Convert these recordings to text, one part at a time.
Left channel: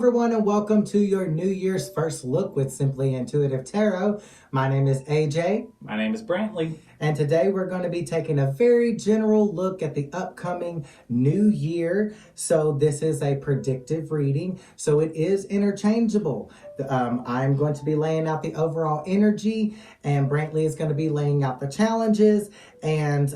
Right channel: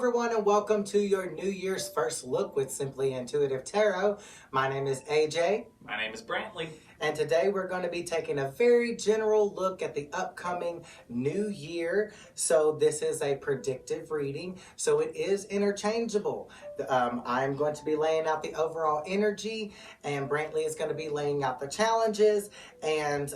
everyone, and welcome to your New Year's first look with Simply Intuitive Tarot. My name is AJ. My name is Brantley. And today we're going to be taking a very general look at the upcoming new year. So this is a predictive reading, so it is interchangeable. I'm going to be laying out the overall energy, and Brantley is going to be laying out the challenges and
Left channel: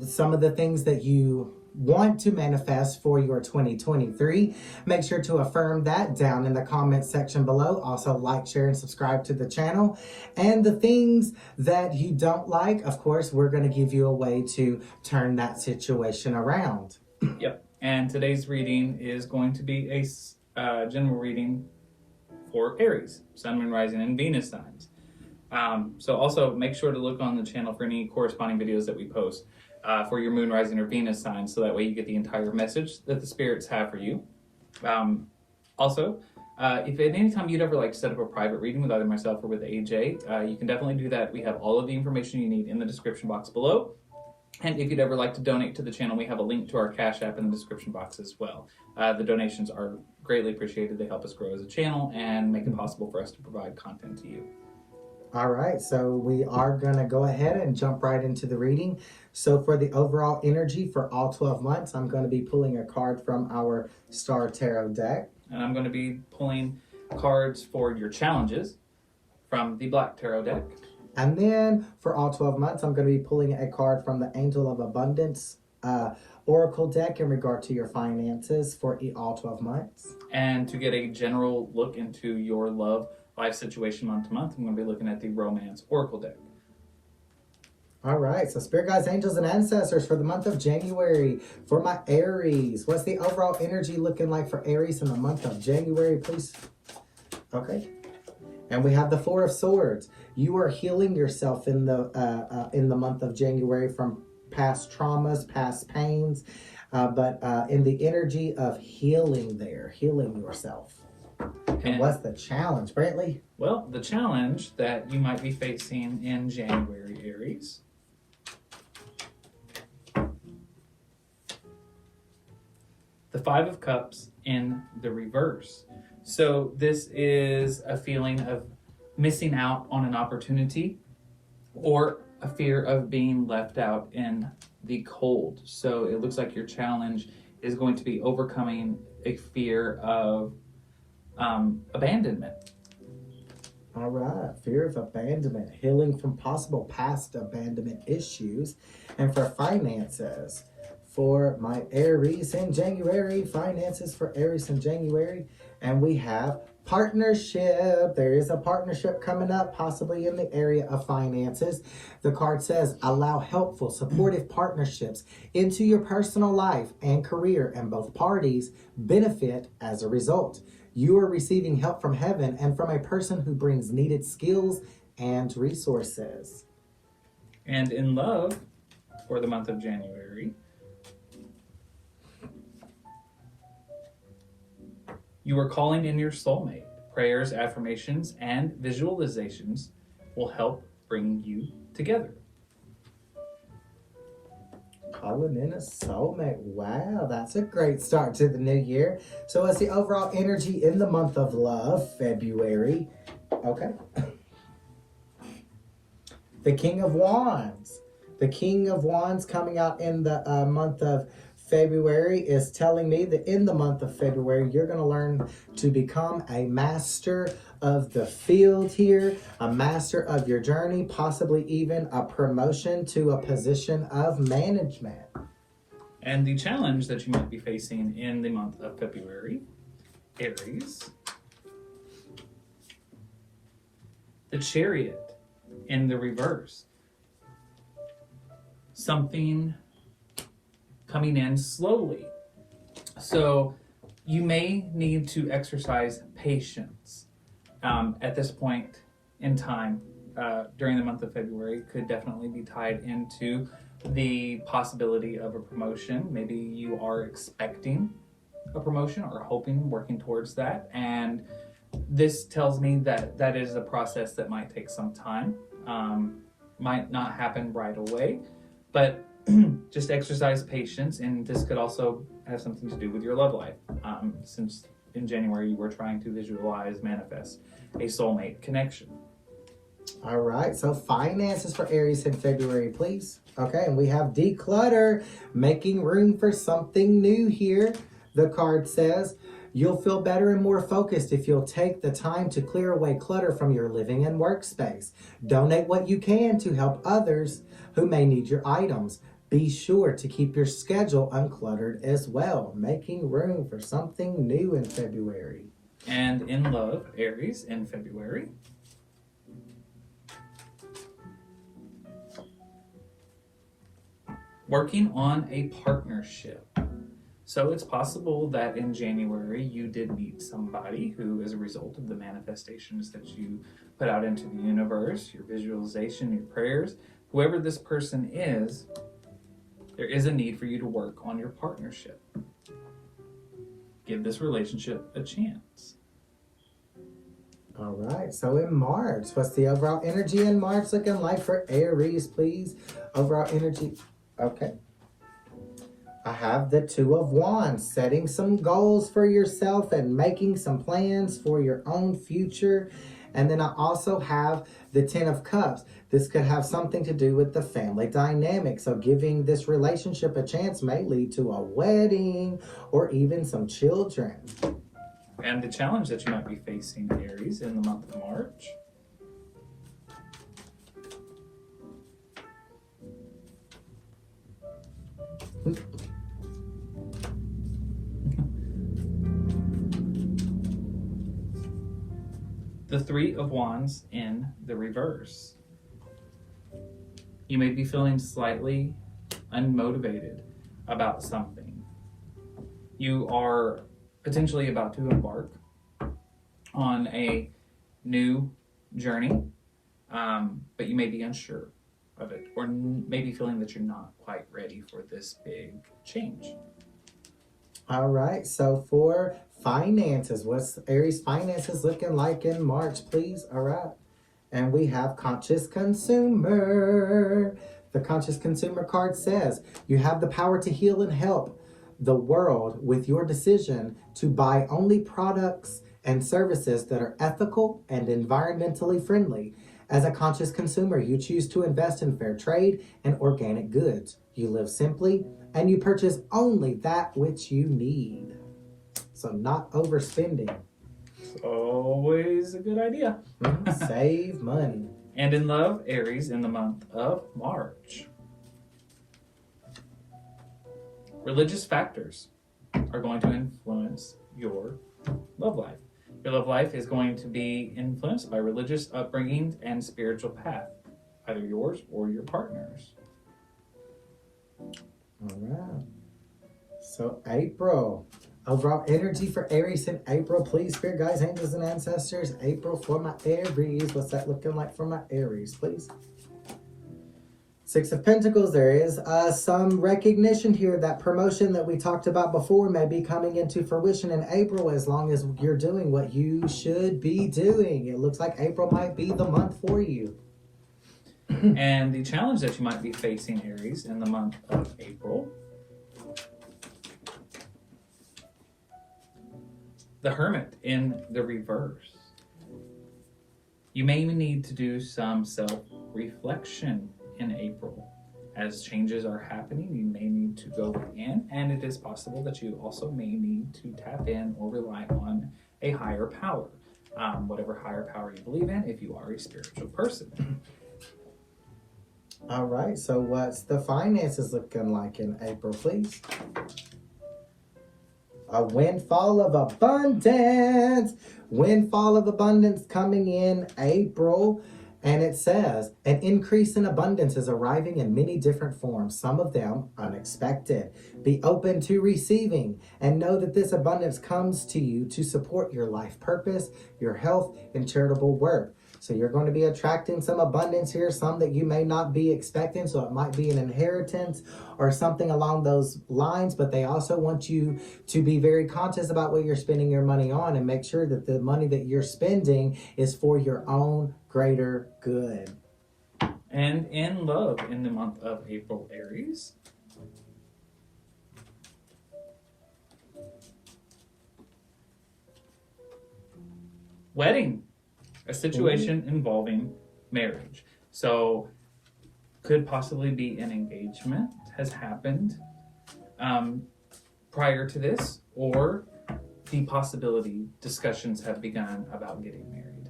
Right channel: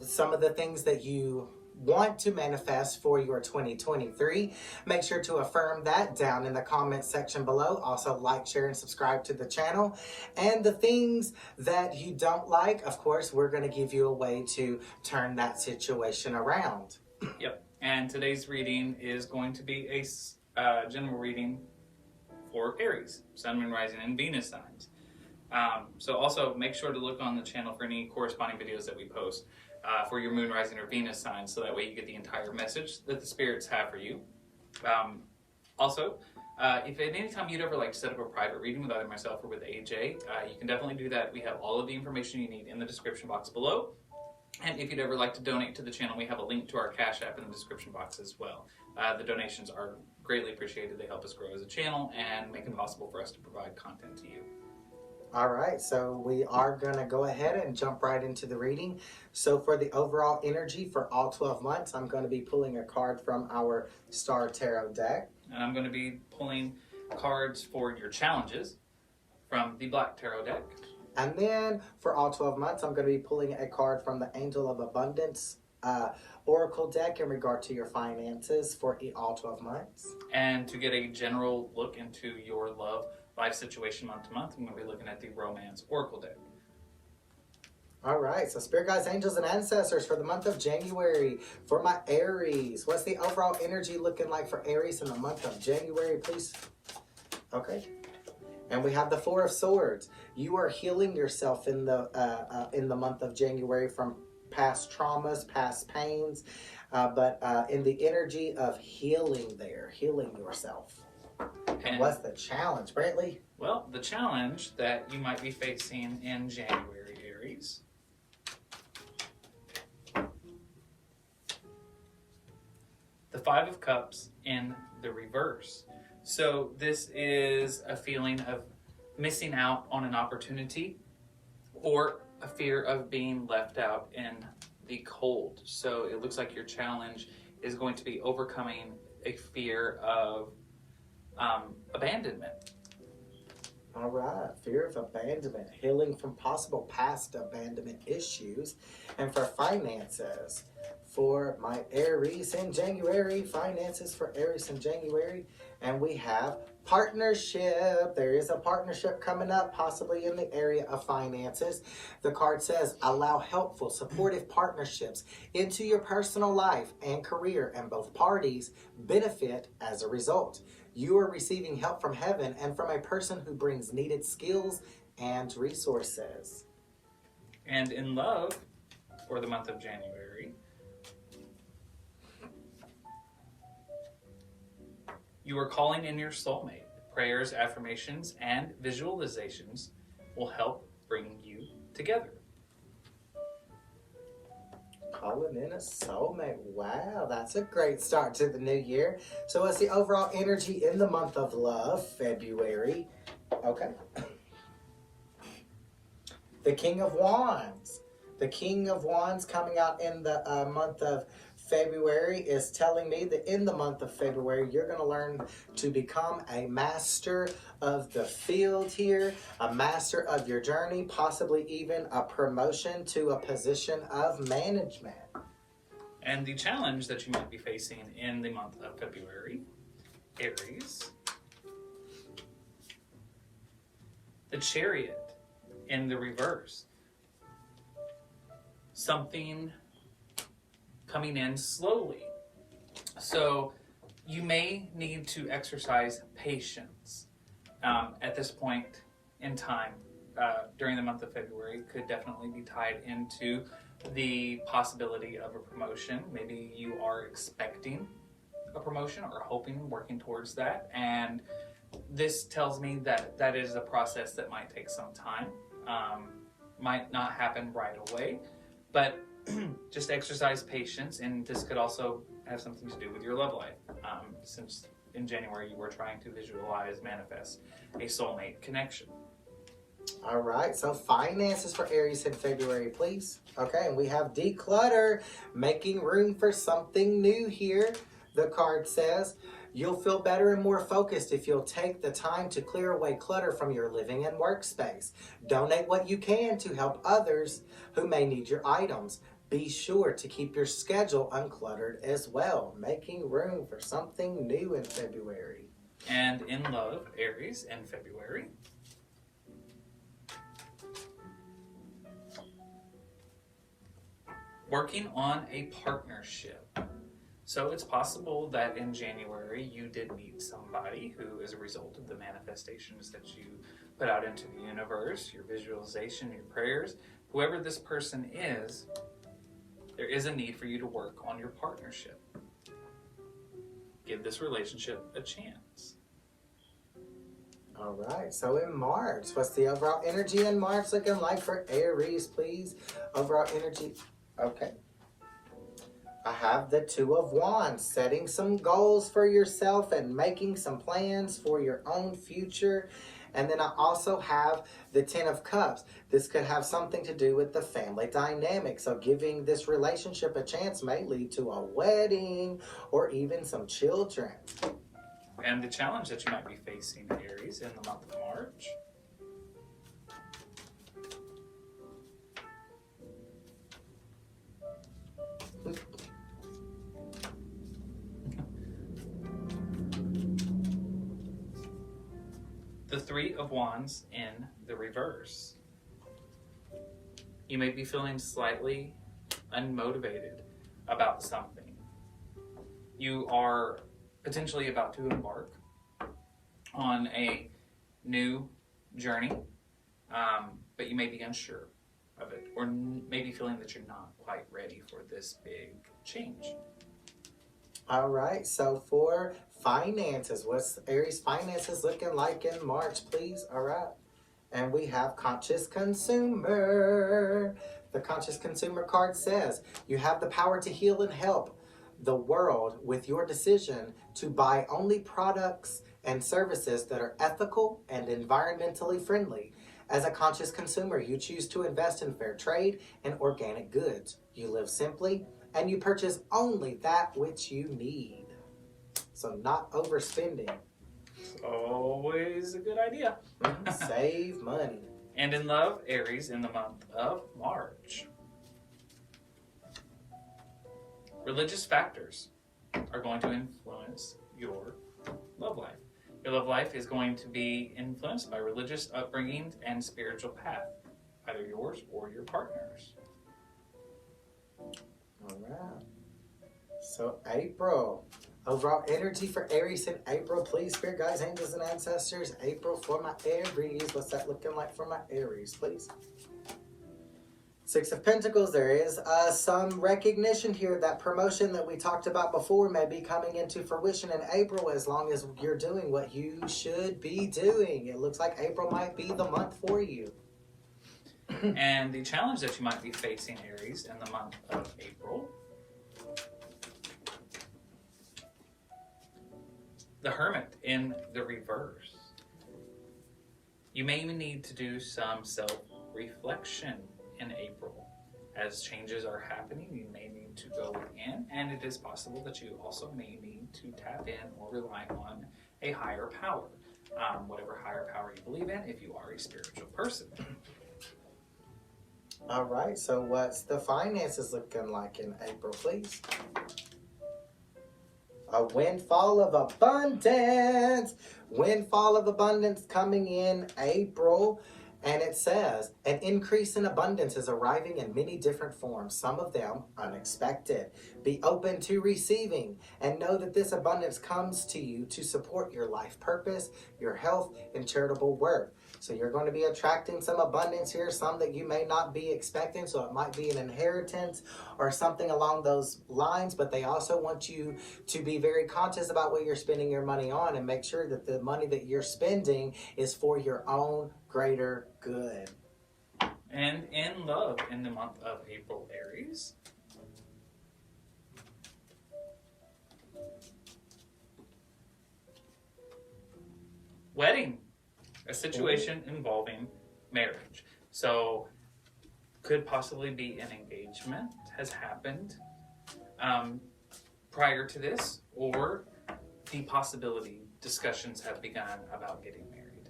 some of the things that you want to manifest for your 2023. Make sure to affirm that down in the comments section below. Also like, share, and subscribe to the channel. And the things that you don't like, of course, we're going to give you a way to turn that situation around. Yep. And today's reading is going to be a general reading for Aries, Sun, Moon, Rising, and Venus signs. So also make sure to look on the channel for any corresponding videos that we post for your Moon, Rising, or Venus signs, so that way you get the entire message that the spirits have for you. Also, if at any time you'd ever like to set up a private reading with either myself or with AJ, you can definitely do that. We have all of the information you need in the description box below. And if you'd ever like to donate to the channel, we have a link to our Cash App in the description box as well. The donations are greatly appreciated. They help us grow as a channel and make it possible for us to provide content to you. All right, so we are going to go ahead and jump right into the reading. So for the overall energy for all 12 months, I'm going to be pulling a card from our Star Tarot deck. And I'm going to be pulling cards for your challenges from the Black Tarot deck. And then for all 12 months, I'm going to be pulling a card from the Angel of Abundance Oracle deck in regard to your finances for all 12 months. And to get a general look into your love life situation month to month, I'm going to be looking at the Romance Oracle deck. All right, so Spirit Guides, Angels, and Ancestors for the month of January for my Aries. What's the overall energy looking like for Aries in the month of January, please? Okay. And we have the Four of Swords. You are healing yourself in the month of January from past traumas, past pains, but in the energy of healing yourself. And what's the challenge, Brantley? Well, the challenge that you might be facing in January, Aries, the Five of Cups in the reverse. So this is a feeling of missing out on an opportunity or a fear of being left out in the cold. So it looks like your challenge is going to be overcoming a fear of abandonment. All right, fear of abandonment, healing from possible past abandonment issues. And for finances, for my Aries in January, finances for Aries in January, and we have partnership. There is a partnership coming up, possibly in the area of finances. The card says, allow helpful, supportive partnerships into your personal life and career, and both parties benefit as a result. You are receiving help from heaven and from a person who brings needed skills and resources. And in love, for the month of January, you are calling in your soulmate. Prayers, affirmations, and visualizations will help bring you together. Calling in a soulmate. Wow, that's a great start to the new year. So what's the overall energy in the month of love, February? Okay. The King of Wands. The King of Wands coming out in the month of February is telling me that in the month of February, you're going to learn to become a master of the field here, a master of your journey, possibly even a promotion to a position of management. And the challenge that you might be facing in the month of February, Aries, the Chariot in the reverse. Something coming in slowly. So you may need to exercise patience at this point in time during the month of February. Could definitely be tied into the possibility of a promotion. Maybe you are expecting a promotion or hoping, working towards that. And this tells me that that is a process that might take some time, might not happen right away, but just exercise patience. And this could also have something to do with your love life, since in January you were trying to visualize, manifest a soulmate connection. All right, so finances for Aries in February, please. Okay, and we have declutter, making room for something new here. The card says, you'll feel better and more focused if you'll take the time to clear away clutter from your living and workspace. Donate what you can to help others who may need your items. Be sure to keep your schedule uncluttered as well, making room for something new in February. And in love, Aries in February. Working on a partnership. So it's possible that in January you did meet somebody who, as a result of the manifestations that you put out into the universe, your visualization, your prayers, whoever this person is, there is a need for you to work on your partnership. Give this relationship a chance. All right, so in March, what's the overall energy in March looking like for Aries, please? Overall energy, okay. I have the Two of Wands, setting some goals for yourself and making some plans for your own future. And then I also have the Ten of Cups. This could have something to do with the family dynamic. So giving this relationship a chance may lead to a wedding or even some children. And the challenge that you might be facing, Aries, in the month of March. The Three of Wands in the reverse. You may be feeling slightly unmotivated about something. You are potentially about to embark on a new journey, but you may be unsure of it, or maybe feeling that you're not quite ready for this big change. All right, so for finances, what's Aries finances looking like in March, please? All right, and we have Conscious Consumer. The Conscious Consumer card says, you have the power to heal and help the world with your decision to buy only products and services that are ethical and environmentally friendly. As a conscious consumer, you choose to invest in fair trade and organic goods. You live simply and you purchase only that which you need. So not overspending. It's always a good idea. Save money. And in love, Aries, in the month of March. Religious factors are going to influence your love life. Your love life is going to be influenced by religious upbringing and spiritual path, either yours or your partner's. All right. So April. Overall energy for Aries in April, please. Spirit guides, angels, and ancestors. April for my Aries. What's that looking like for my Aries, please? Six of Pentacles, there is some recognition here that promotion that we talked about before may be coming into fruition in April as long as you're doing what you should be doing. It looks like April might be the month for you. And the challenge that you might be facing, Aries, in the month of April. The Hermit in the reverse. You may need to do some self-reflection in April. As changes are happening, you may need to go in, and it is possible that you also may need to tap in or rely on a higher power. Whatever higher power you believe in, if you are a spiritual person. All right, so what's the finances looking like in April, please? A windfall of abundance. Windfall of abundance coming in April. And it says, an increase in abundance is arriving in many different forms, some of them unexpected. Be open to receiving and know that this abundance comes to you to support your life purpose, your health, and charitable work. So you're going to be attracting some abundance here, some that you may not be expecting. So it might be an inheritance or something along those lines, but they also want you to be very conscious about what you're spending your money on and make sure that the money that you're spending is for your own greater good. And in love in the month of April, Aries. wedding, a situation involving marriage. So could possibly be an engagement has happened prior to this, or the possibility discussions have begun about getting married.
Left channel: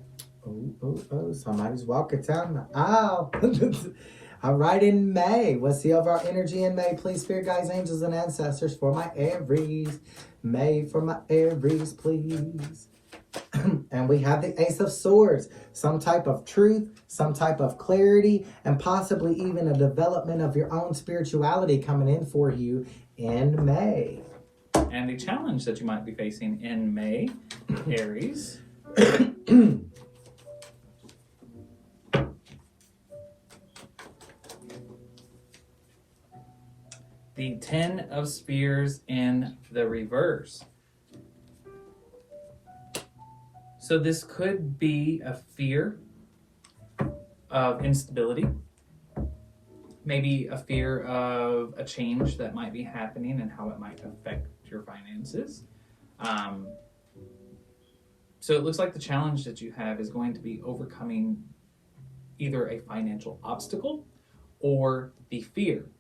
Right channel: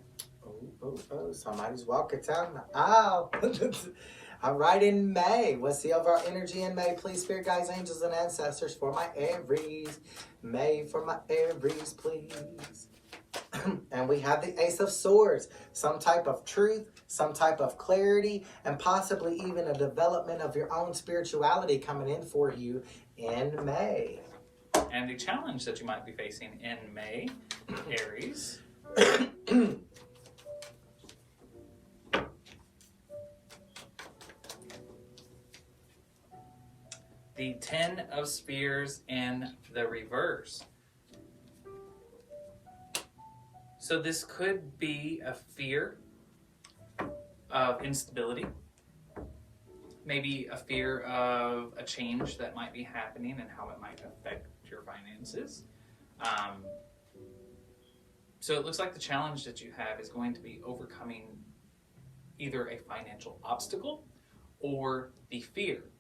Somebody's walking down the aisle. All right, in May. What's the overall energy in May? Please, spirit guides, angels, and ancestors for my Aries. May for my Aries, please. And we have the Ace of Swords. Some type of truth, some type of clarity, and possibly even a development of your own spirituality coming in for you in May. And the challenge that you might be facing in May, Aries. The 10 of Spears in the reverse. So this could be a fear of instability, maybe a fear of a change that might be happening and how it might affect your finances. So it looks like the challenge that you have is going to be overcoming either a financial obstacle or the fear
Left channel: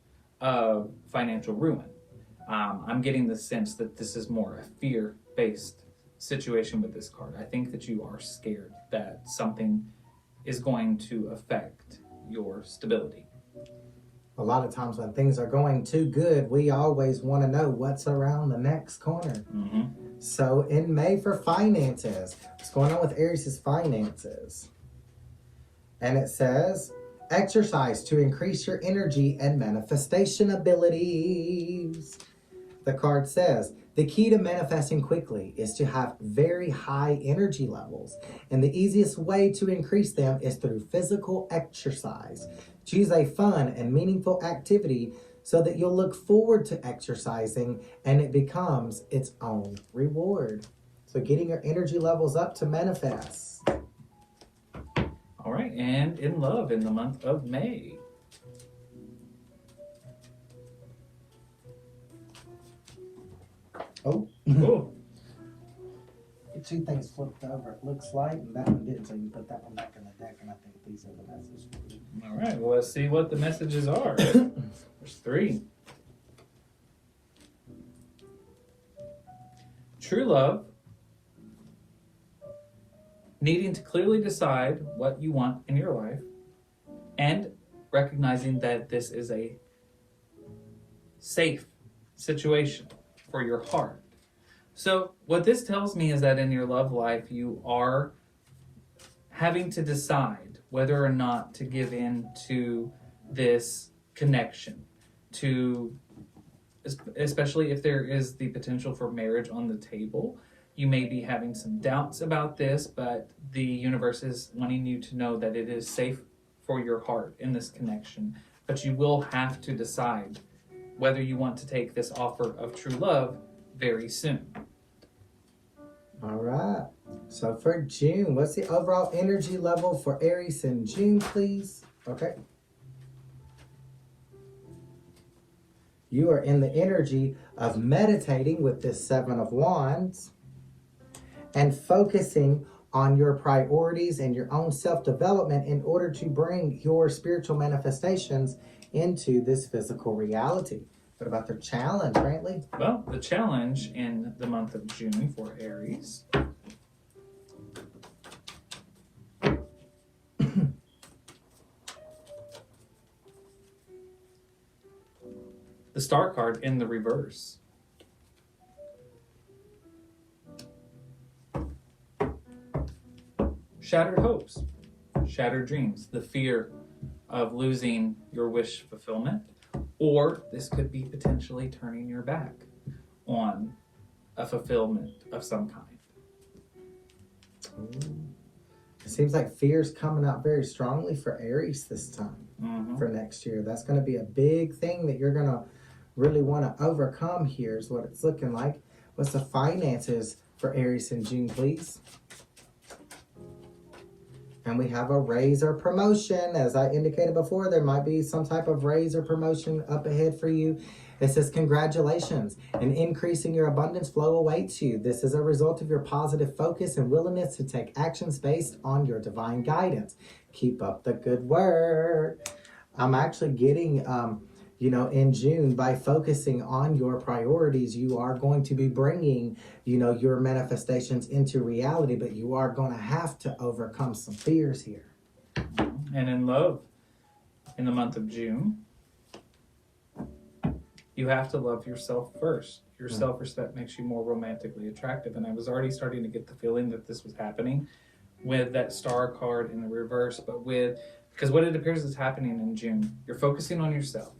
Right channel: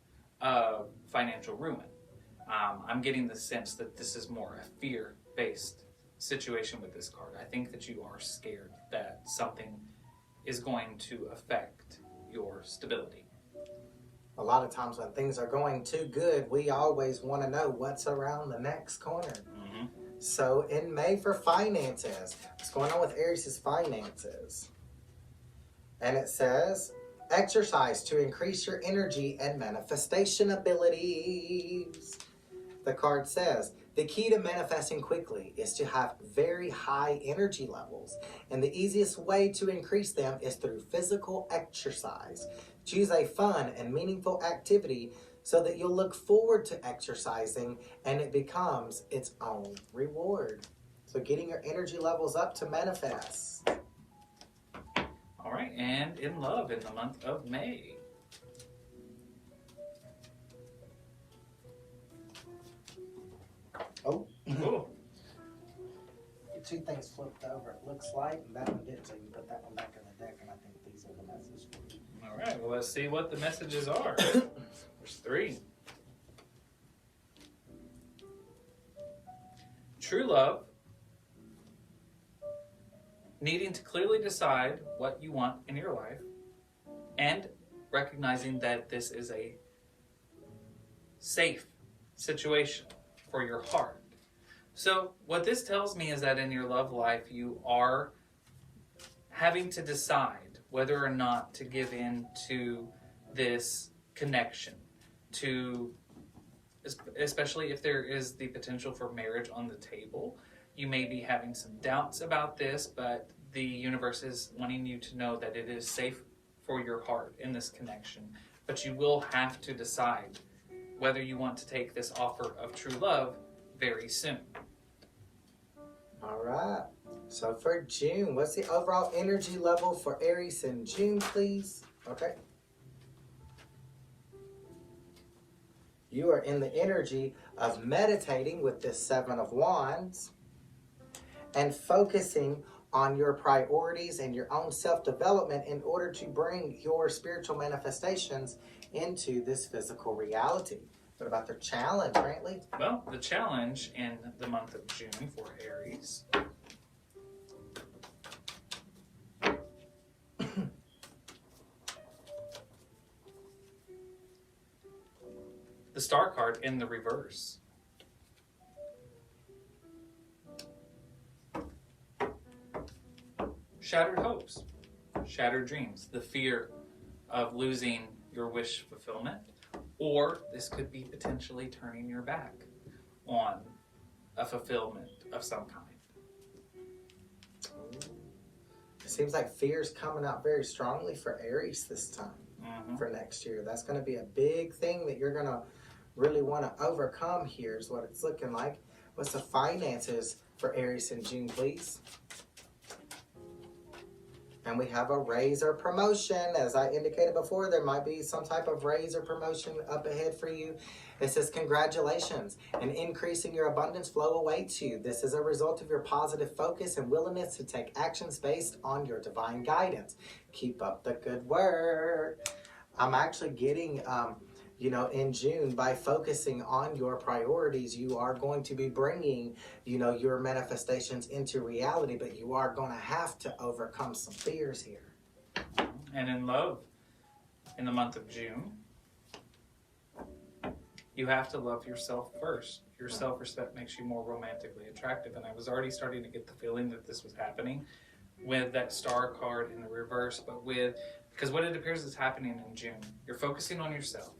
of financial ruin. I'm getting the sense that this is more a fear-based situation with this card. I think that you are scared that something is going to affect your stability. A lot of times when things are going too good, we always want to know what's around the next corner. Mm-hmm. So in May for finances, what's going on with Aries' finances? And it says, exercise to increase your energy and manifestation abilities. The card says, the key to manifesting quickly is to have very high energy levels. And the easiest way to increase them is through physical exercise. Choose a fun and meaningful activity so that you'll look forward to exercising and it becomes its own reward. So getting your energy levels up to manifest. All right, and in love in the month of May. Oh. Ooh. The two things flipped over, it looks like, and that one didn't, so you put that one back in the deck, and I think these are the messages for you. All right, well, let's see what the messages are. There's 3. True love. Needing to clearly decide what you want in your life and recognizing that this is a safe situation for your heart. So what this tells me is that in your love life, you are having to decide whether or not to give in to this connection, to, especially if there is the potential for marriage on the table. You may be having some doubts about this, but the universe is wanting you to know that it is safe for your heart in this connection. But you will have to decide whether you want to take this offer of true love very soon. All right. So for June, what's the overall energy level for Aries in June, please? Okay. You are in the energy of meditating with this 7 of Wands and focusing on your priorities and your own self-development in order to bring your spiritual manifestations into this physical reality. What about the challenge, Brantley? Well, the challenge in the month of June for Aries the Star card in the reverse. Shattered hopes, shattered dreams, the fear of losing your wish fulfillment, or this could be potentially turning your back on a fulfillment of some kind. It seems like fear's coming out very strongly for Aries this time, for next year. That's going to be a big thing that you're going to really want to overcome here is what it's looking like. What's the finances for Aries in June, please? And we have a raise or promotion. As I indicated before, there might be some type of raise or promotion up ahead for you. It says, congratulations, an increase in your abundance flow awaits you. This is a result of your positive focus and willingness to take actions based on your divine guidance. Keep up the good work. I'm actually getting, in June, by focusing on your priorities, you are going to be bringing, your manifestations into reality, but you are going to have to overcome some fears here. And in love, in the month of June, you have to love yourself first. Your self-respect makes you more romantically attractive. And I was already starting to get the feeling that this was happening with that star card in the reverse, because what it appears is happening in June, you're focusing on yourself.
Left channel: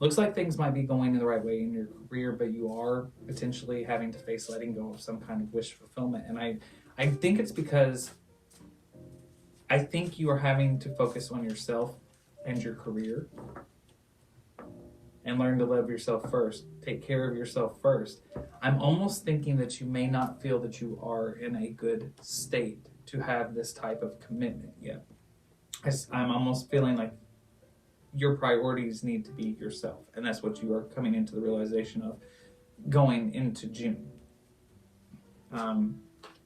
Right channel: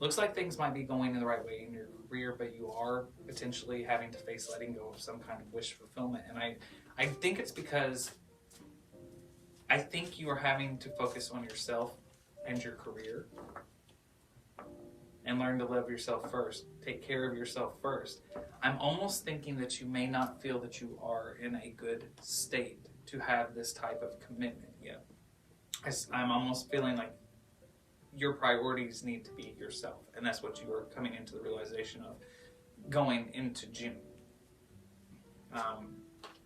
Looks like things might be going in the right way in your career, but you are potentially having to face letting go of some kind of wish fulfillment. And I think it's because I think you are having to focus on yourself and your career and learn to love yourself first. Take care of yourself first. I'm almost thinking that you may not feel that you are in a good state to have this type of commitment yet. I'm almost feeling like your priorities need to be yourself, and that's what you are coming into the realization of going into June.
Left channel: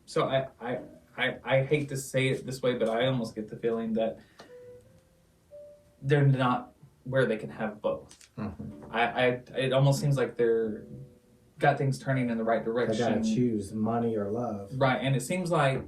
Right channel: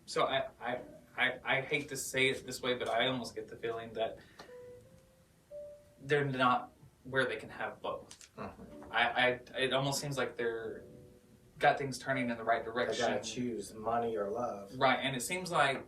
So I hate to say it this way, but I almost get the feeling that they're not where they can have both. It almost seems like they're got things turning in the right direction. They gotta choose money or love. Right, and it seems like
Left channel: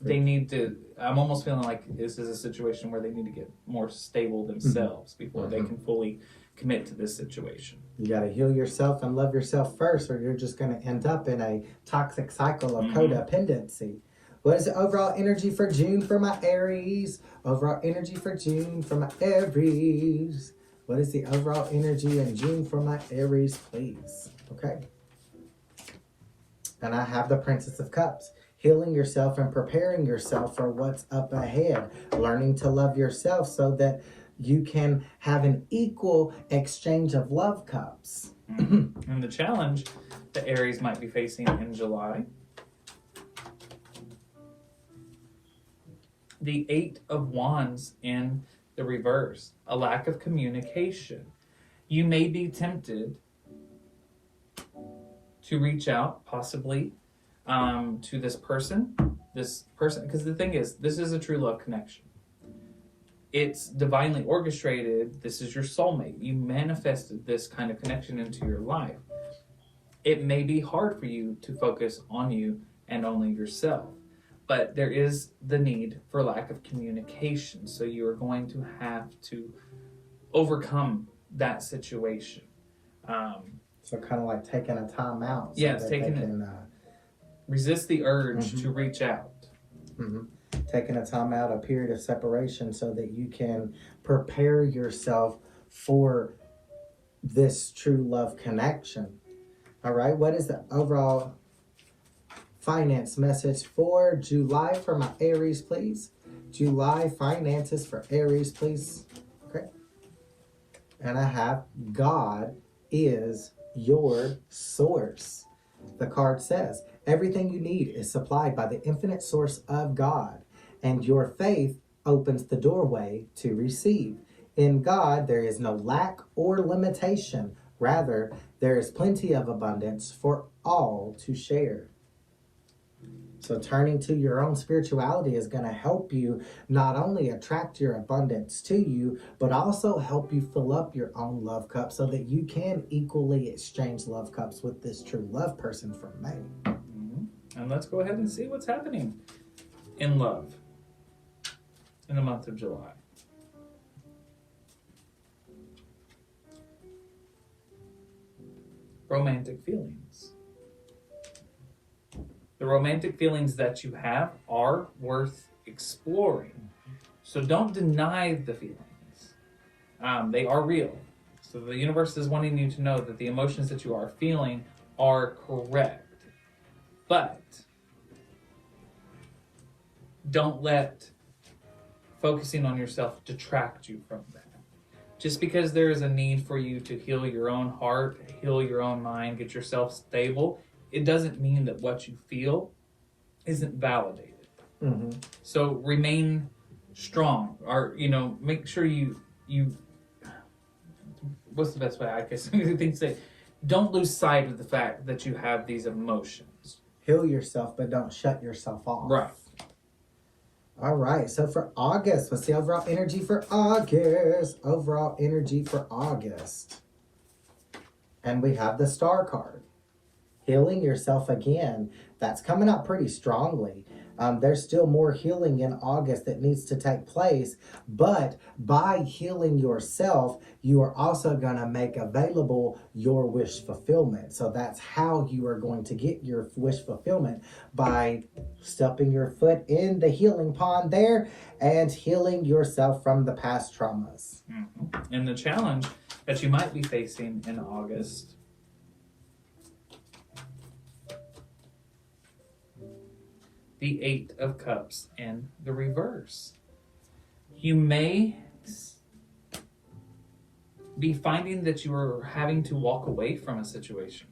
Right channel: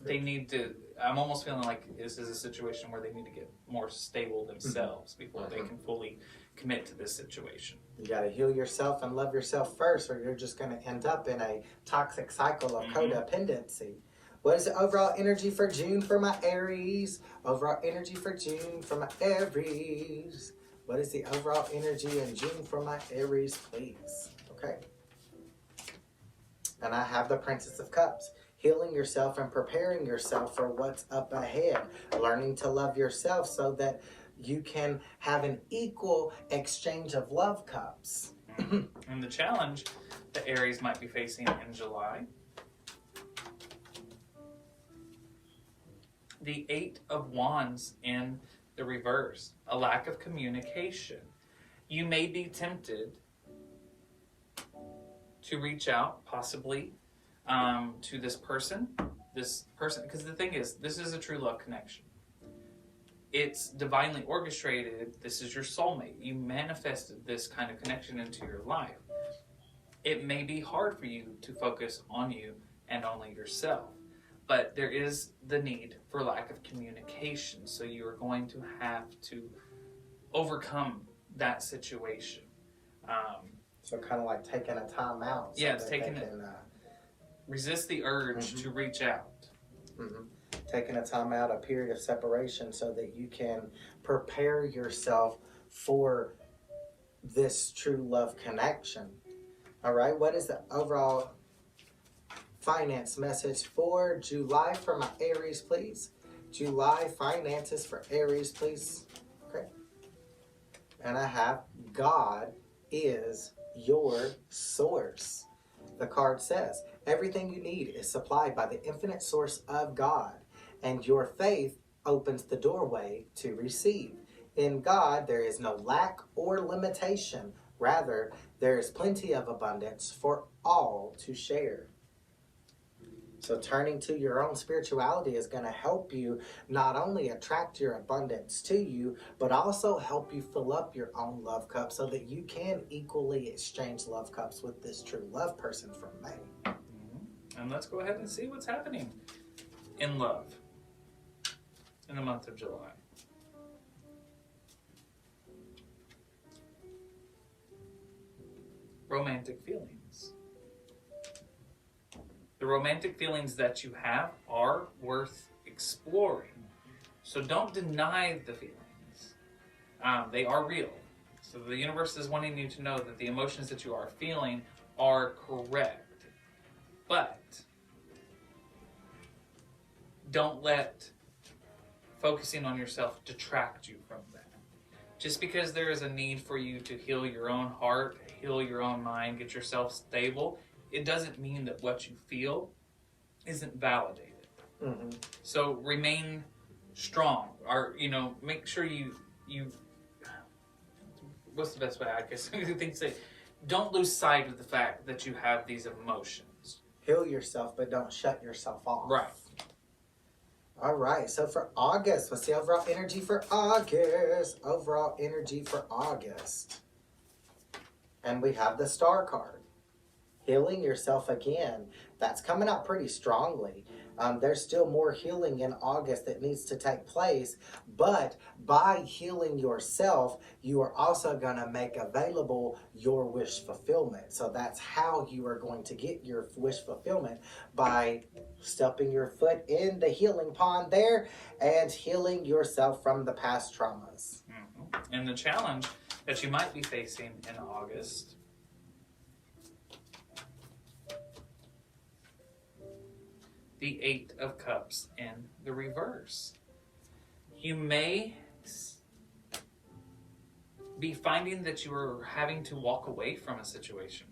they need to, I'm almost feeling like this is a situation where they need to get more stable themselves before they can fully commit to this situation. You got to heal yourself and love yourself first, or you're just going to end up in a toxic cycle of codependency. What is the overall energy for June for my Aries? Overall energy for June for my Aries. What is the overall energy in June for my Aries, please? Okay. And I have the Princess of Cups. Healing yourself and preparing yourself for what's up ahead. Learning to love yourself so that you can have an equal exchange of love cups. And the challenge that Aries might be facing in July. The 8 of Wands in the reverse. A lack of communication. You may be tempted to reach out, possibly, to this person, because the thing is, this is a true love connection. It's divinely orchestrated. This is your soulmate. You manifested this kind of connection into your life. It may be hard for you to focus on you and only yourself, but there is the need for lack of communication. So you are going to have to overcome that situation. So kind of like taking a time out. So yes, resist the urge to reach out. Taking a time out, a period of separation, so that you can prepare yourself for this true love connection. All right, what is the overall finance message for July for my Aries, please? July finances for Aries, please. Okay. And I have God is your source. The card says, everything you need is supplied by the infinite source of God, and your faith opens the doorway to receive. In God, there is no lack or limitation. Rather, there is plenty of abundance for all to share. So turning to your own spirituality is going to help you not only attract your abundance to you, but also help you fill up your own love cup so that you can equally exchange love cups with this true love person from May. And let's go ahead and see what's happening in love in the month of July. Romantic feelings. The romantic feelings that you have are worth exploring. So don't deny the feelings. They are real. So the universe is wanting you to know that the emotions that you are feeling are correct. But don't let focusing on yourself detract you from that. Just because there is a need for you to heal your own heart, heal your own mind, get yourself stable, it doesn't mean that what you feel isn't validated. So remain strong, or make sure you what's the best way I guess I think to say, don't lose sight of the fact that you have these emotions. Heal yourself, but don't shut yourself off. Right. All right, so for August, what's the overall energy for August? Overall energy for August. And we have the Star card. Healing yourself again. That's coming out pretty strongly. There's still more healing in August that needs to take place, but by healing yourself, you are also going to make available your wish fulfillment. So that's how you are going to get your wish fulfillment, by stepping your foot in the healing pond there and healing yourself from the past traumas. Mm-hmm. And the challenge that you might be facing in August the Eight of Cups in the reverse. You may be finding that you are having to walk away from a situation.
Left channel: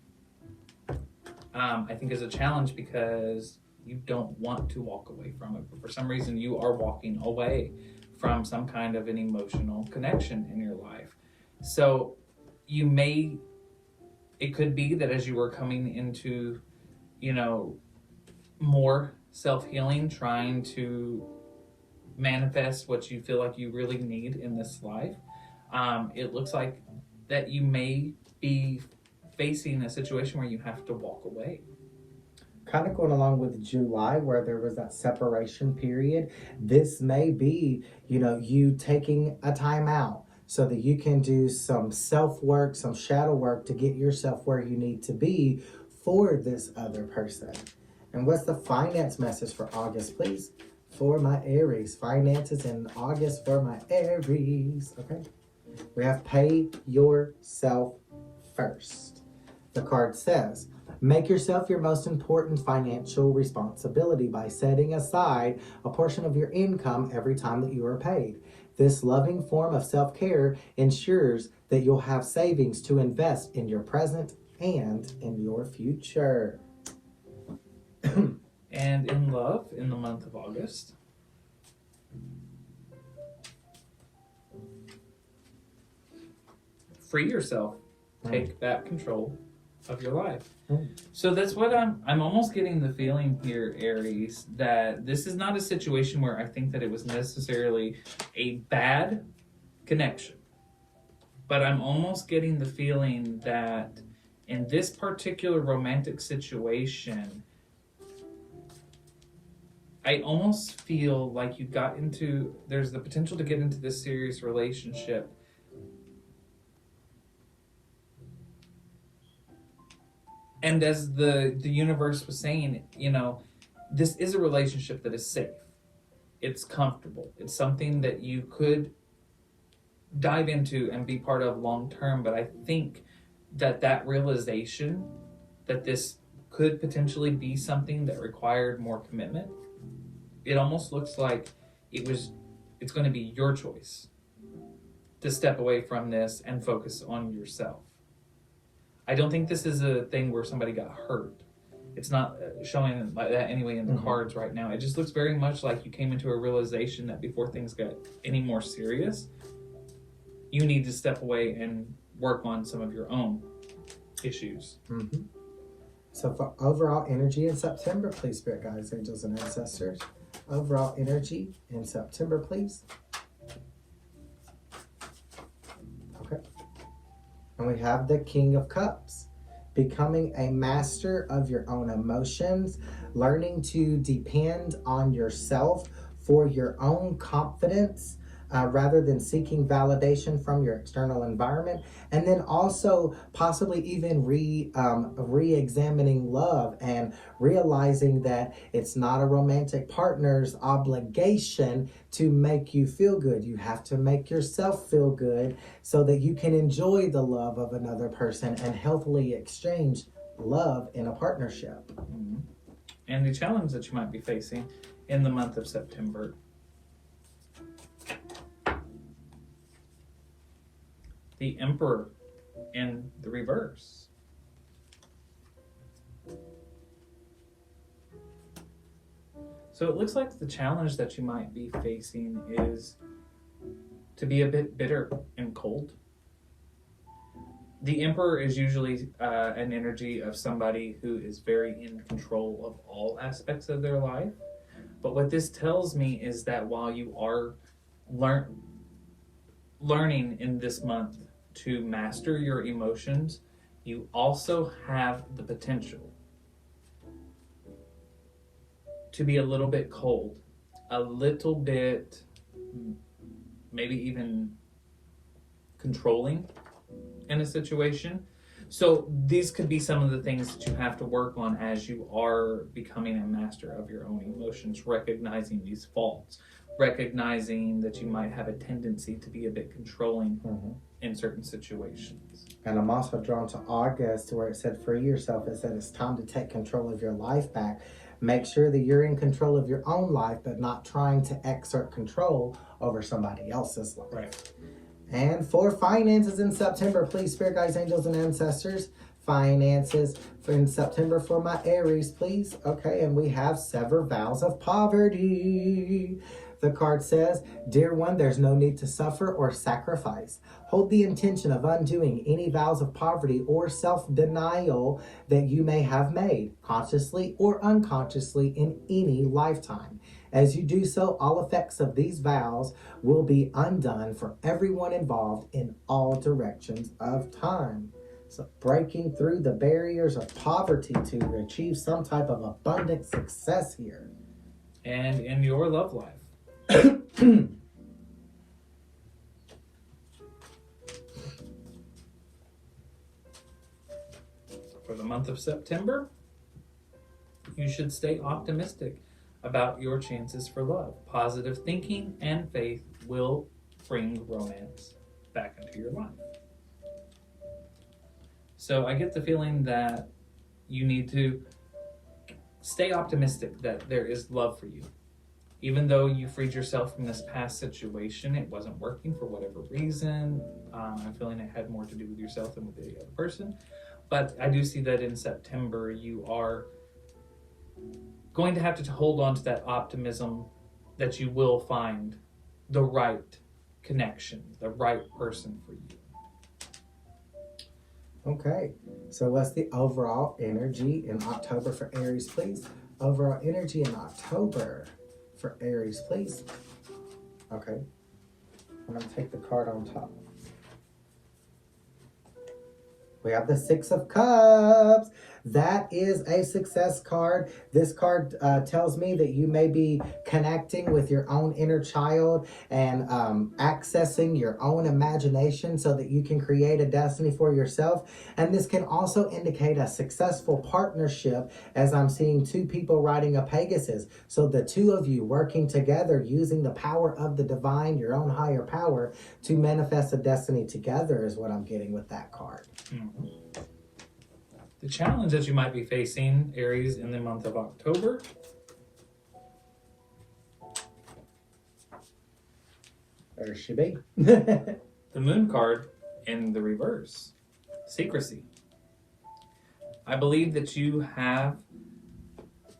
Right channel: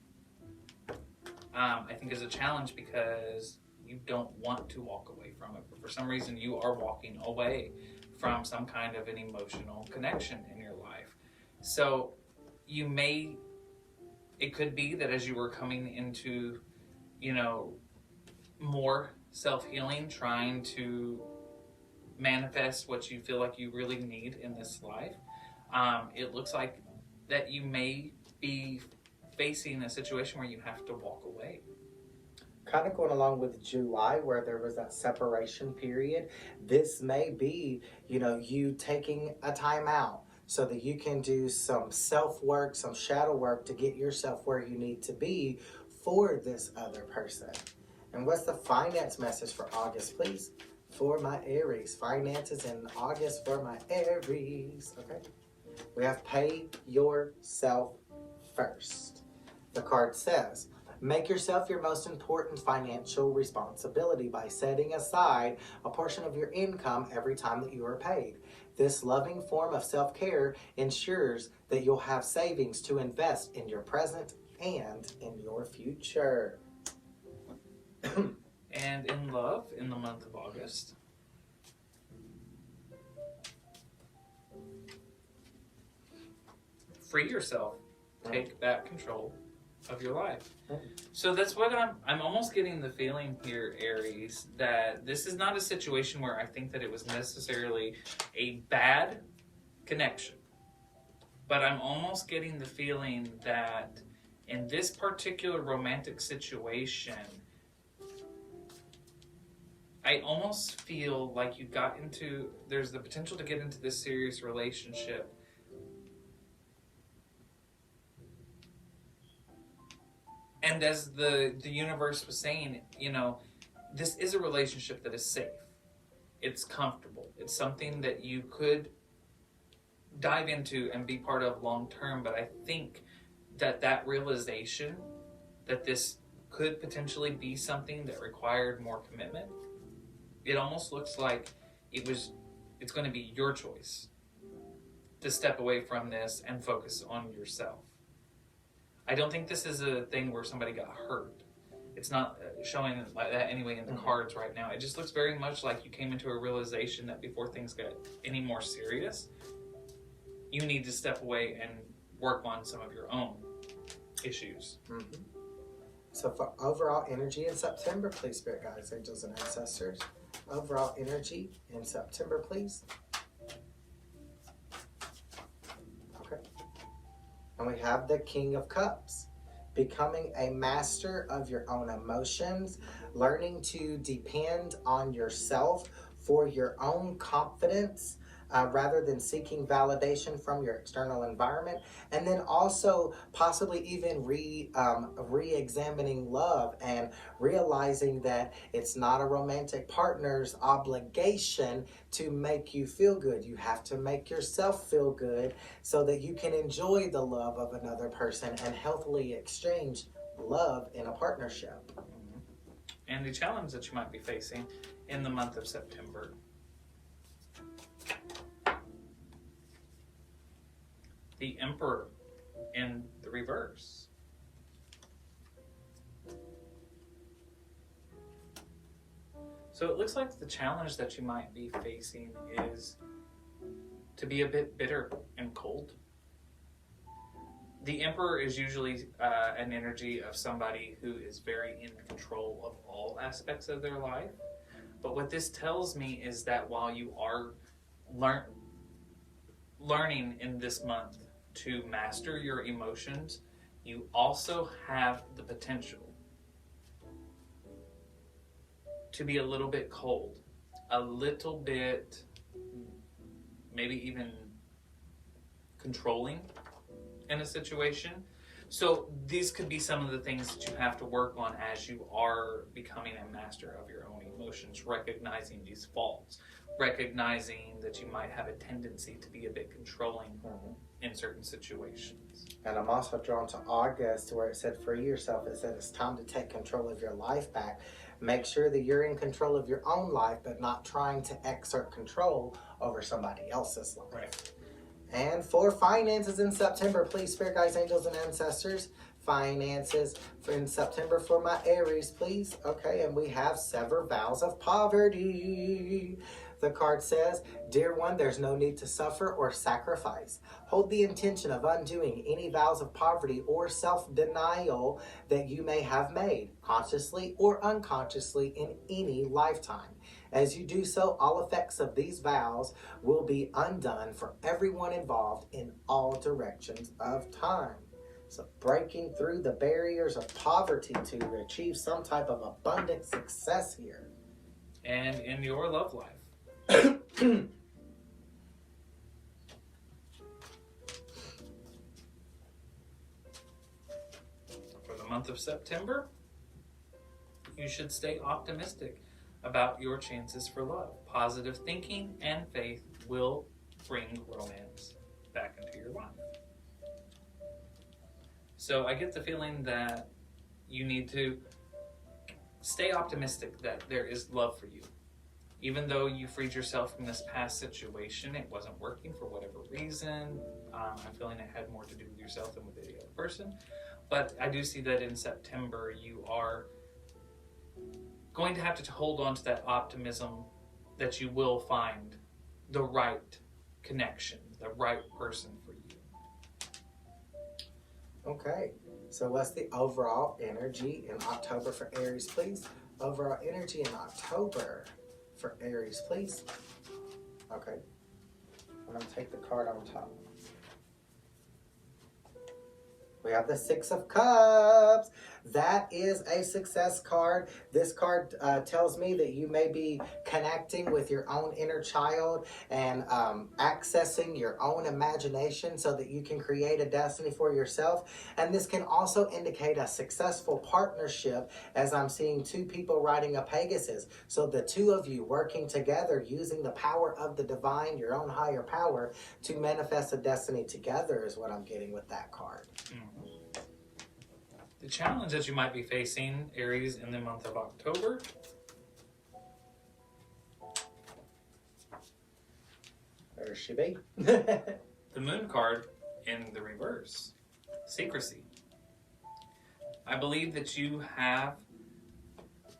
I think is a challenge because you don't want to walk away from it, but for some reason you are walking away from some kind of an emotional connection in your life. So it could be that as you were coming into, more self-healing, trying to manifest what you feel like you really need in this life, it looks like that you may be facing a situation where you have to walk away. Kind of going along with July, where there was that separation period, this may be, you taking a time out so that you can do some self-work, some shadow work to get yourself where you need to be for this other person. And what's the finance message for August, please? For my Aries. Finances in August for my Aries. Okay. We have pay yourself first. The card says, make yourself your most important financial responsibility by setting aside a portion of your income every time that you are paid. This loving form of self-care ensures that you'll have savings to invest in your present and in your future. And in love, in the month of August, free yourself. Take back control of your life. So that's what I'm almost getting the feeling here, Aries, that this is not a situation where I think that it was necessarily a bad connection. But I'm almost getting the feeling that in this particular romantic situation, I almost feel like there's the potential to get into this serious relationship. And as the universe was saying, this is a relationship that is safe. It's comfortable. It's something that you could dive into and be part of long term. But I think that realization that this could potentially be something that required more commitment, it almost looks like it's going to be your choice to step away from this and focus on yourself. I don't think this is a thing where somebody got hurt. It's not showing like that anyway in the cards right now. It just looks very much like you came into a realization that before things got any more serious, you need to step away and work on some of your own issues. Mm-hmm. So for overall energy in September, please, Spirit Guides, Angels, and Ancestors. Overall energy in September, please. Okay. And we have the King of Cups. Becoming a master of your own emotions, learning to depend on yourself for your own confidence, rather than seeking validation from your external environment, and then also possibly even re-examining love and realizing that it's not a romantic partner's obligation to make you feel good. You have to make yourself feel good so that you can enjoy the love of another person and healthily exchange love in a partnership. Mm-hmm. And the challenge that you might be facing in the month of September, the Emperor in the reverse. So it looks like the challenge that you might be facing is to be a bit bitter and cold. The Emperor is usually an energy of somebody who is very in control of all aspects of their life. But what this tells me is that while you are learning in this month to master your emotions, you also have the potential to be a little bit cold, a little bit maybe even controlling in a situation. So these could be some of the things that you have to work on as you are becoming a master of your own emotions, recognizing these faults, recognizing that you might have a tendency to be a bit controlling in certain situations. And I'm also drawn to August, where it said free yourself. It said it's time to take control of your life back. Make sure that you're in control of your own life, but not trying to exert control over somebody else's life. Right. And for finances in September, please, Spirit Guides, Angels, and Ancestors, finances in September for my Aries, please. Okay, and we have sever vows of poverty. The card says, Dear one, there's no need to suffer or sacrifice. Hold the intention of undoing any vows of poverty or self-denial that you may have made, consciously or unconsciously, in any lifetime. As you do so, all effects of these vows will be undone for everyone involved in all directions of time. So breaking through the barriers of poverty to achieve some type of abundant success here. And in your love life. For the month of September, you should stay optimistic about your chances for love. Positive thinking and faith will bring romance back into your life. So I get the feeling that you need to stay optimistic that there is love for you. Even though you freed yourself from this past situation, it wasn't working for whatever reason. I'm feeling it had more to do with yourself than with the other person. But I do see that in September, you are going to have to hold on to that optimism that you will find the right connection, the right person for you. Okay, so what's the overall energy in October for Aries, please? Overall energy in October for Aries, please. Okay, I'm going to take the card on top. We have the Six of Cups. That is a success card. This card tells me that you may be connecting with your own inner child and accessing your own imagination so that you can create a destiny for yourself. And this can also indicate a successful partnership, as I'm seeing two people riding a Pegasus. So the two of you working together using the power of the divine, your own higher power, to manifest a destiny together is what I'm getting with that card. Mm-hmm. The challenge that you might be facing, Aries, in the month of October, There she be. the Moon card in the reverse, secrecy. I believe that you have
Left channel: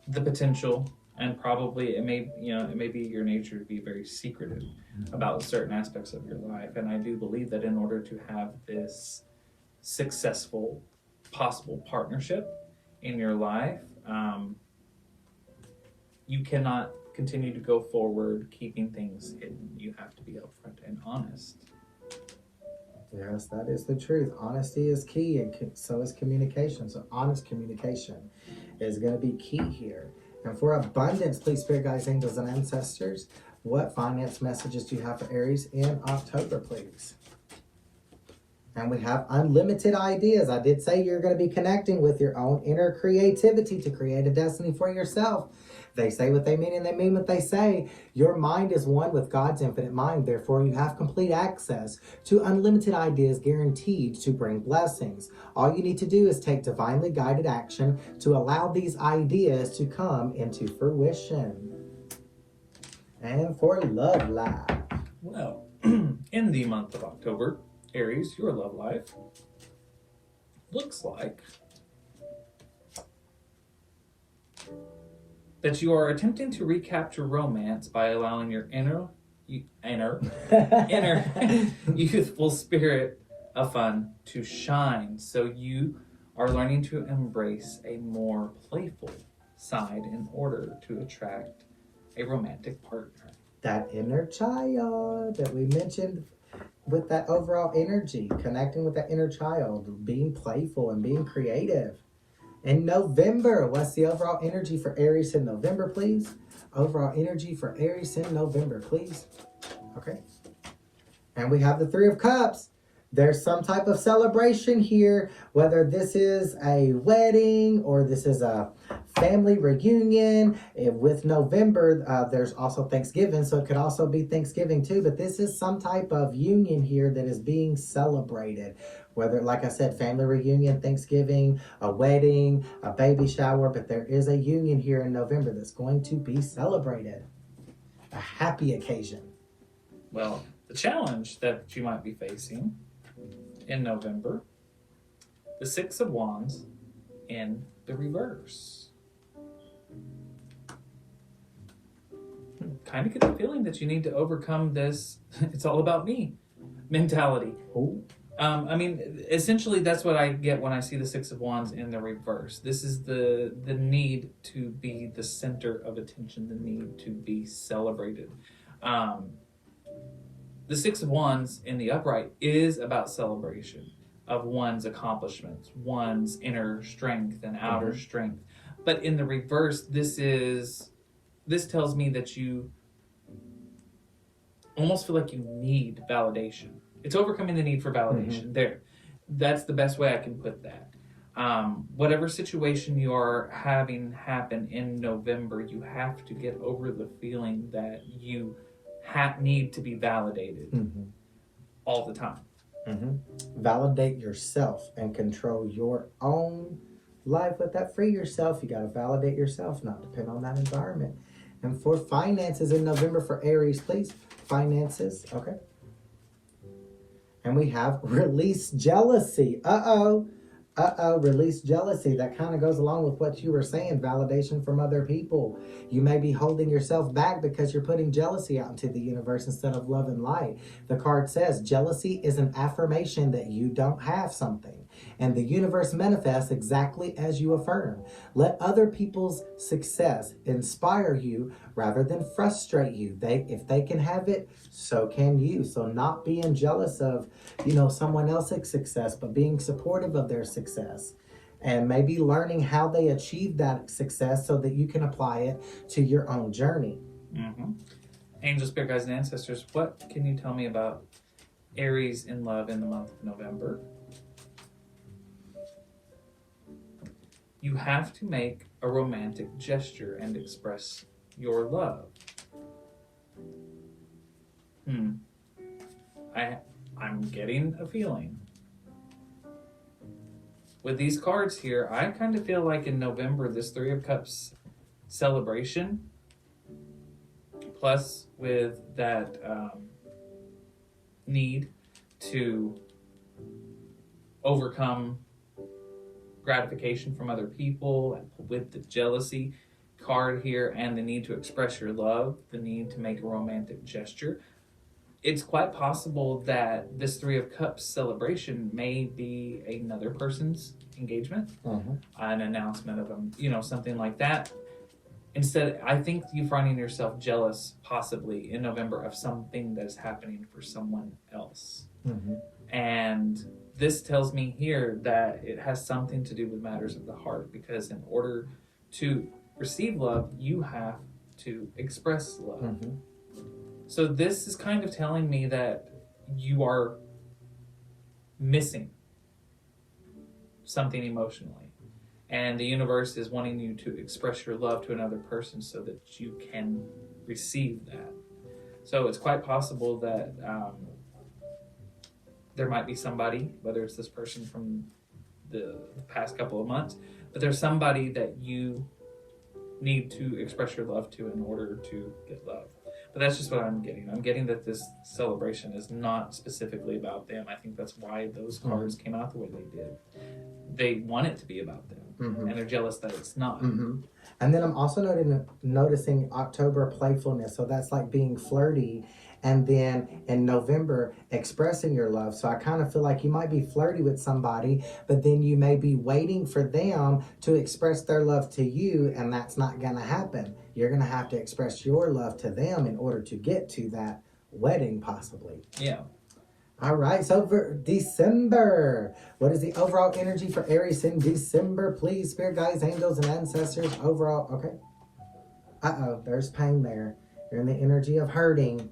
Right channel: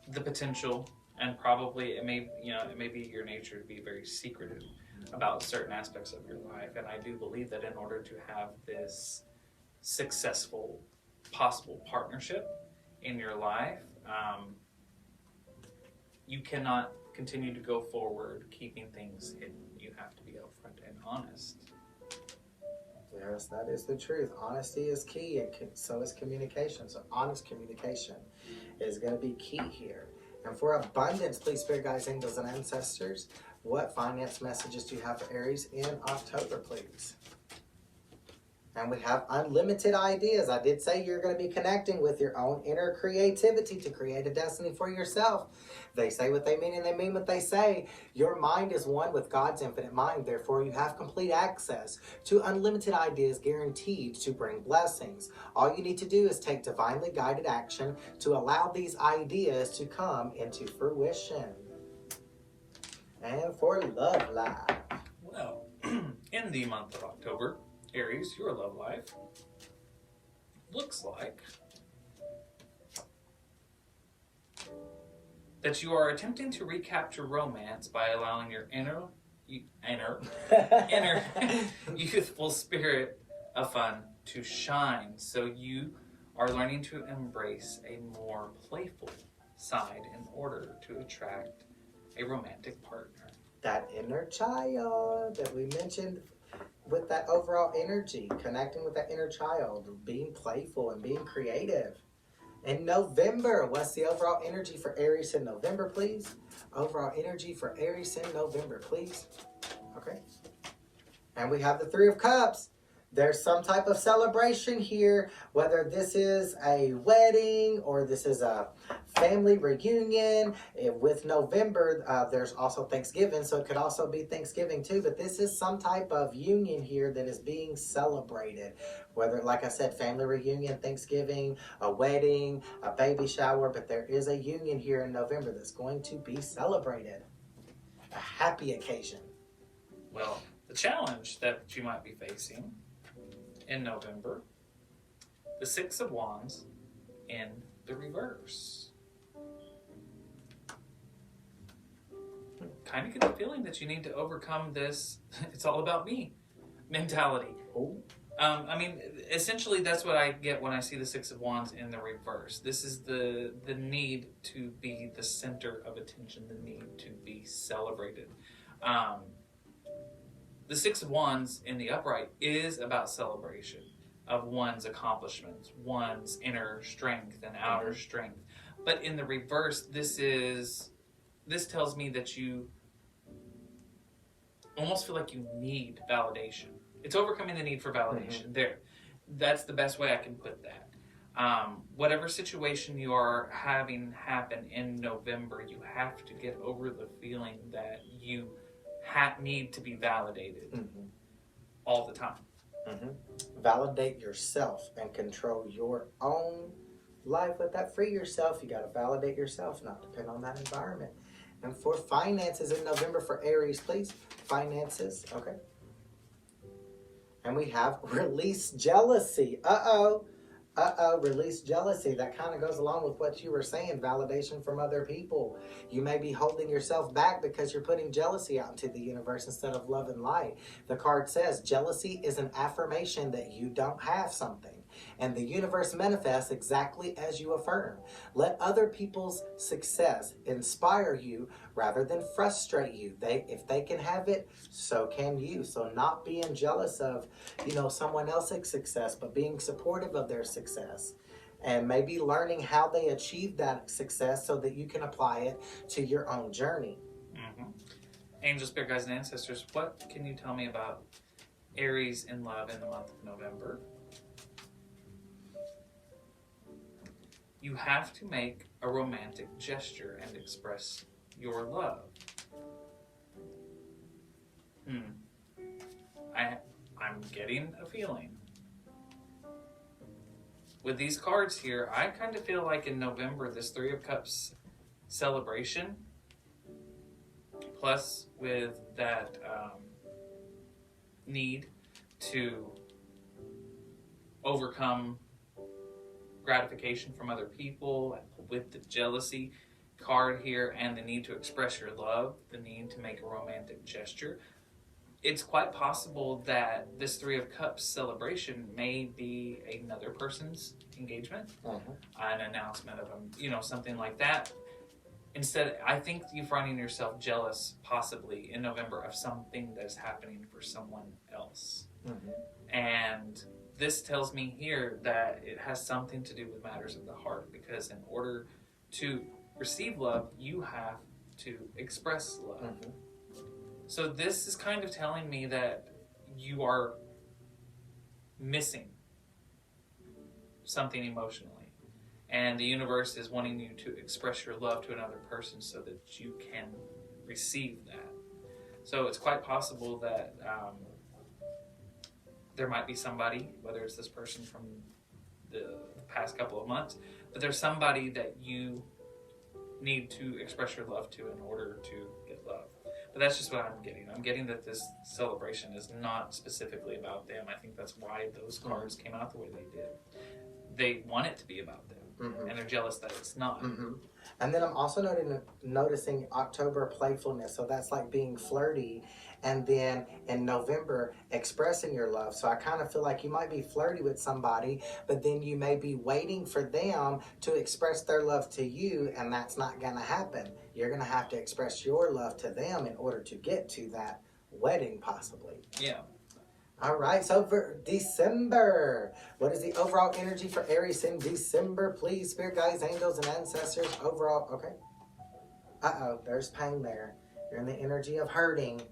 the potential, and probably it may be your nature to be very secretive about certain aspects of your life. And I do believe that in order to have this successful possible partnership in your life, you cannot continue to go forward keeping things hidden. You have to be upfront and honest. Yes, that is the truth. Honesty is key, and so is communication. So honest communication is going to be key here. And for abundance, please, Spirit Guides, Angels, and Ancestors, what finance messages do you have for Aries in October, please? And we have unlimited ideas. I did say you're going to be connecting with your own inner creativity to create a destiny for yourself. They say what they mean and they mean what they say. Your mind is one with God's infinite mind. Therefore, you have complete access to unlimited ideas guaranteed to bring blessings. All you need to do is take divinely guided action to allow these ideas to come into fruition. And for love life. Well, in the month of October, Aries, your love life looks like that you are attempting to recapture romance by allowing your inner youthful spirit of fun to shine. So you are learning to embrace a more playful side in order to attract a romantic partner. That inner child that we mentioned with that overall energy, connecting with that inner child, being playful and being creative. In November, what's the overall energy for Aries in November, please? Overall energy for Aries in November, please. Okay. And we have the Three of Cups. There's some type of celebration here, whether this is a wedding or this is a family reunion. With November, there's also Thanksgiving, so it could also be Thanksgiving too, but this is some type of union here that is being celebrated. Whether, like I said, family reunion, Thanksgiving, a wedding, a baby shower, but there is a union here in November that's going to be celebrated. A happy occasion. Well, the challenge that you might be facing in November, the Six of Wands in the reverse. Kind of get the feeling that you need to overcome this it's all about me mentality. Ooh. I mean, essentially that's what I get when I see the Six of Wands in the reverse. This is the need to be the center of attention, the need to be celebrated. The Six of Wands in the upright is about celebration of one's accomplishments, one's inner strength and outer strength. But in the reverse, this tells me that you almost feel like you need validation. It's overcoming the need for validation. There. That's the best way I can put that. Whatever situation you are having happen in November, you have to get over the feeling that you need to be validated all the time. Validate yourself and control your own life with that. Free yourself. You got to validate yourself, not depend on that environment. And for finances in November for Aries, please. Finances. Okay. And we have release jealousy. Release jealousy. That kind of goes along with what you were saying, validation from other people. You may be holding yourself back because you're putting jealousy out into the universe instead of love and light. The card says jealousy is an affirmation that you don't have something. And the universe manifests exactly as you affirm. Let other people's success inspire you rather than frustrate you. If they can have it, so can you. So not being jealous of, someone else's success, but being supportive of their success. And maybe learning how they achieve that success so that you can apply it to your own journey. Angel, spirit guides, and ancestors, what can you tell me about Aries in love in the month of November? You have to make a romantic gesture and express your love. I'm getting a feeling. With these cards here, I kind of feel like in November, this Three of Cups celebration, plus with that need to overcome gratification from other people, with the jealousy card here and the need to express your love, the need to make a romantic gesture, it's quite possible that this Three of Cups celebration may be another person's engagement, an announcement of something like that. Instead, I think you finding yourself jealous possibly in November of something that's happening for someone else. And this tells me here that it has something to do with matters of the heart, because in order to receive love, you have to express love. So this is kind of telling me that you are missing something emotionally, and the universe is wanting you to express your love to another person so that you can receive that. So it's quite possible that there might be somebody, whether it's this person from the past couple of months, but there's somebody that you need to express your love to in order to get love. But that's just what I'm getting. I'm getting that this celebration is not specifically about them. I think that's why those cards came out the way they did. They want it to be about them, and they're jealous that it's not. And then I'm also noticing October playfulness. So that's like being flirty and then in November expressing your love. So I kind of feel like you might be flirty with somebody, but then you may be waiting for them to express their love to you, and that's not going to happen. You're going to have to express your love to them in order to get to that wedding, possibly. Yeah. All right, so for December, what is the overall energy for Aries in December? Please, spirit guides, angels, and ancestors. Overall, okay. Uh-oh, there's pain there. You're in the energy of hurting.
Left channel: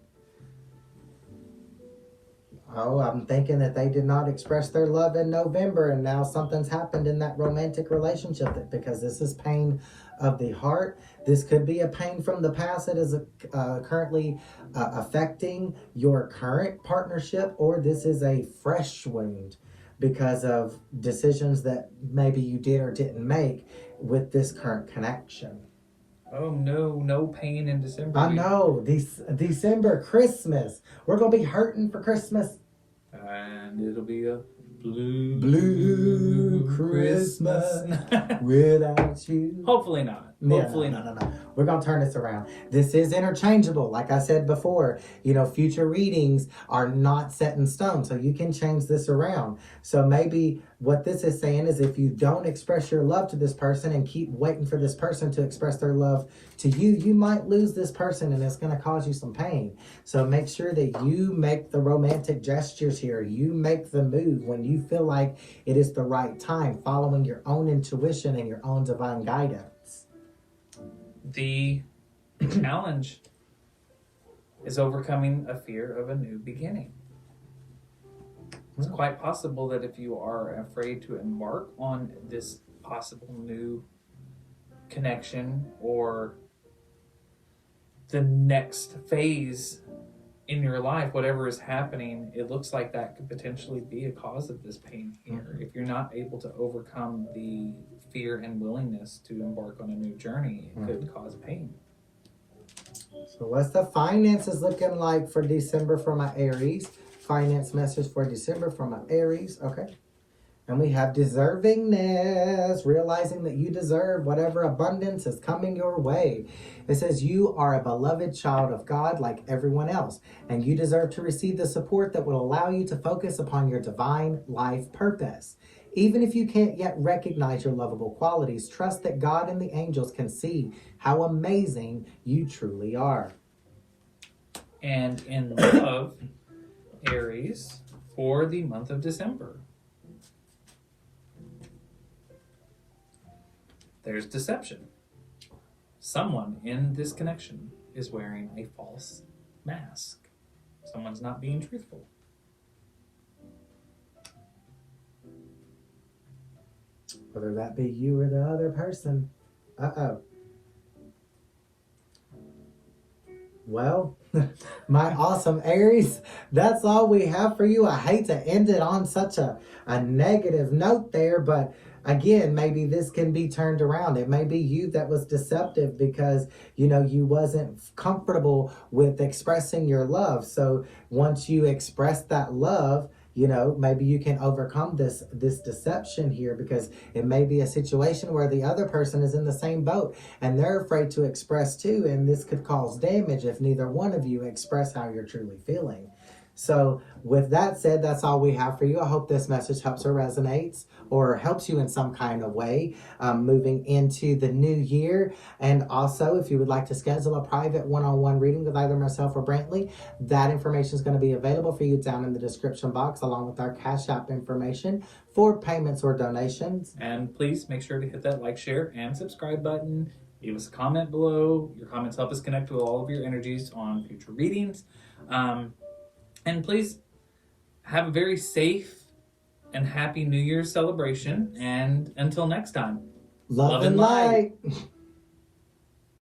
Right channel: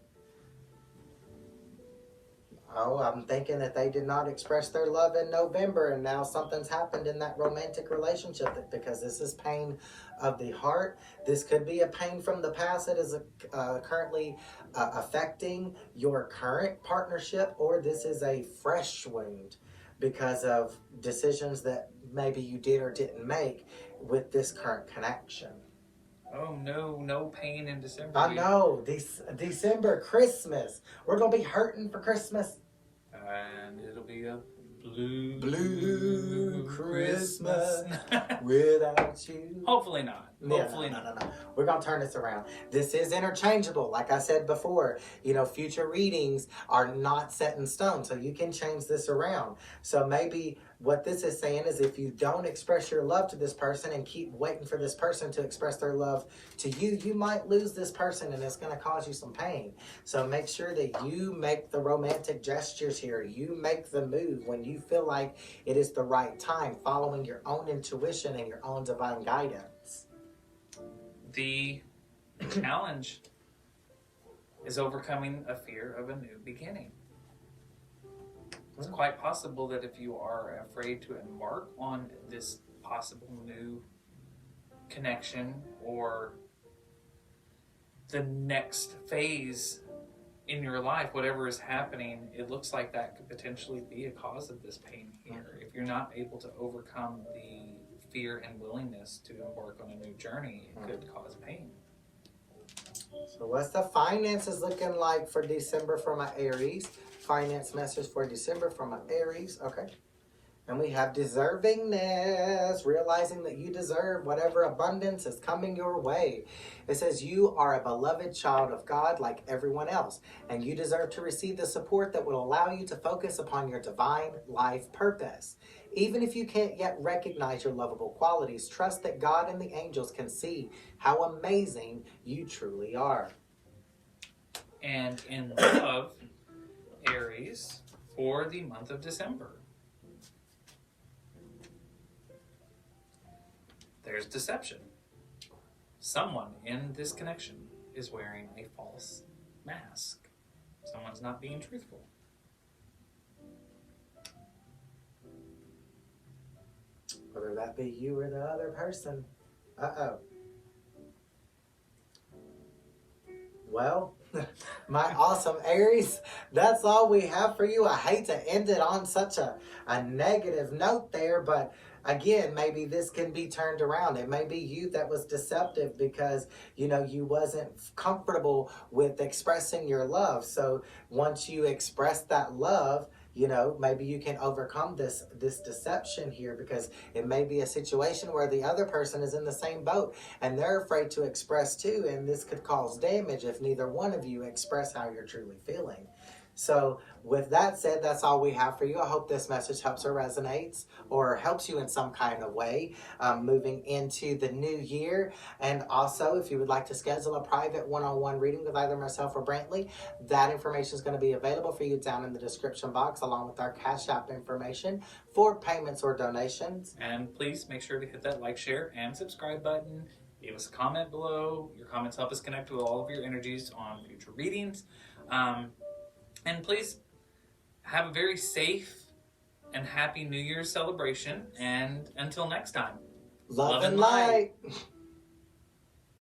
Oh, I'm thinking that they did not express their love in November, and now something's happened in that romantic relationship, because this is pain of the heart. This could be a pain from the past that is currently affecting your current partnership, or this is a fresh wound because of decisions that maybe you did or didn't make with this current connection. Oh no, no pain in December. I know, December, Christmas. We're going to be hurting for Christmas. And it'll be a blue Christmas without you. Hopefully not. Hopefully not. No. We're going to turn this around. This is interchangeable. Like I said before, future readings are not set in stone. So you can change this around. So maybe what this is saying is, if you don't express your love to this person and keep waiting for this person to express their love to you, you might lose this person, and it's going to cause you some pain. So make sure that you make the romantic gestures here. You make the move when you feel like it is the right time, following your own intuition and your own divine guidance. The challenge is overcoming a fear of a new beginning. It's quite possible that if you are afraid to embark on this possible new connection or the next phase in your life, whatever is happening, it looks like that could potentially be a cause of this pain here. If you're not able to overcome the fear and willingness to embark on a new journey, it could cause pain. So what's the finances looking like for December for my Aries? Finance message for December for my Aries. Okay. And we have deservingness, realizing that you deserve whatever abundance is coming your way. It says you are a beloved child of God like everyone else, and you deserve to receive the support that will allow you to focus upon your divine life purpose. Even if you can't yet recognize your lovable qualities, trust that God and the angels can see how amazing you truly are. And in love, Aries, for the month of December, there's deception. Someone in this connection is wearing a false mask. Someone's not being truthful. Whether that be you or the other person. Uh-oh. Well, my awesome Aries, that's all we have for you. I hate to end it on such a negative note there, but again, maybe this can be turned around. It may be you that was deceptive because, you wasn't comfortable with expressing your love. So once you express that love, maybe you can overcome this deception here, because it may be a situation where the other person is in the same boat and they're afraid to express too, and this could cause damage if neither one of you express how you're truly feeling. So with that said, that's all we have for you. I hope this message helps or resonates or helps you in some kind of way moving into the new year. And also, if you would like to schedule a private one-on-one reading with either myself or Brantley, that information is going to be available for you down in the description box, along with our Cash App information for payments or donations. And please make sure to hit that like, share, and subscribe button. Leave us a comment below. Your comments help us connect with all of your energies on future readings. And please have a very safe and happy New Year's celebration. And until next time, Love and light.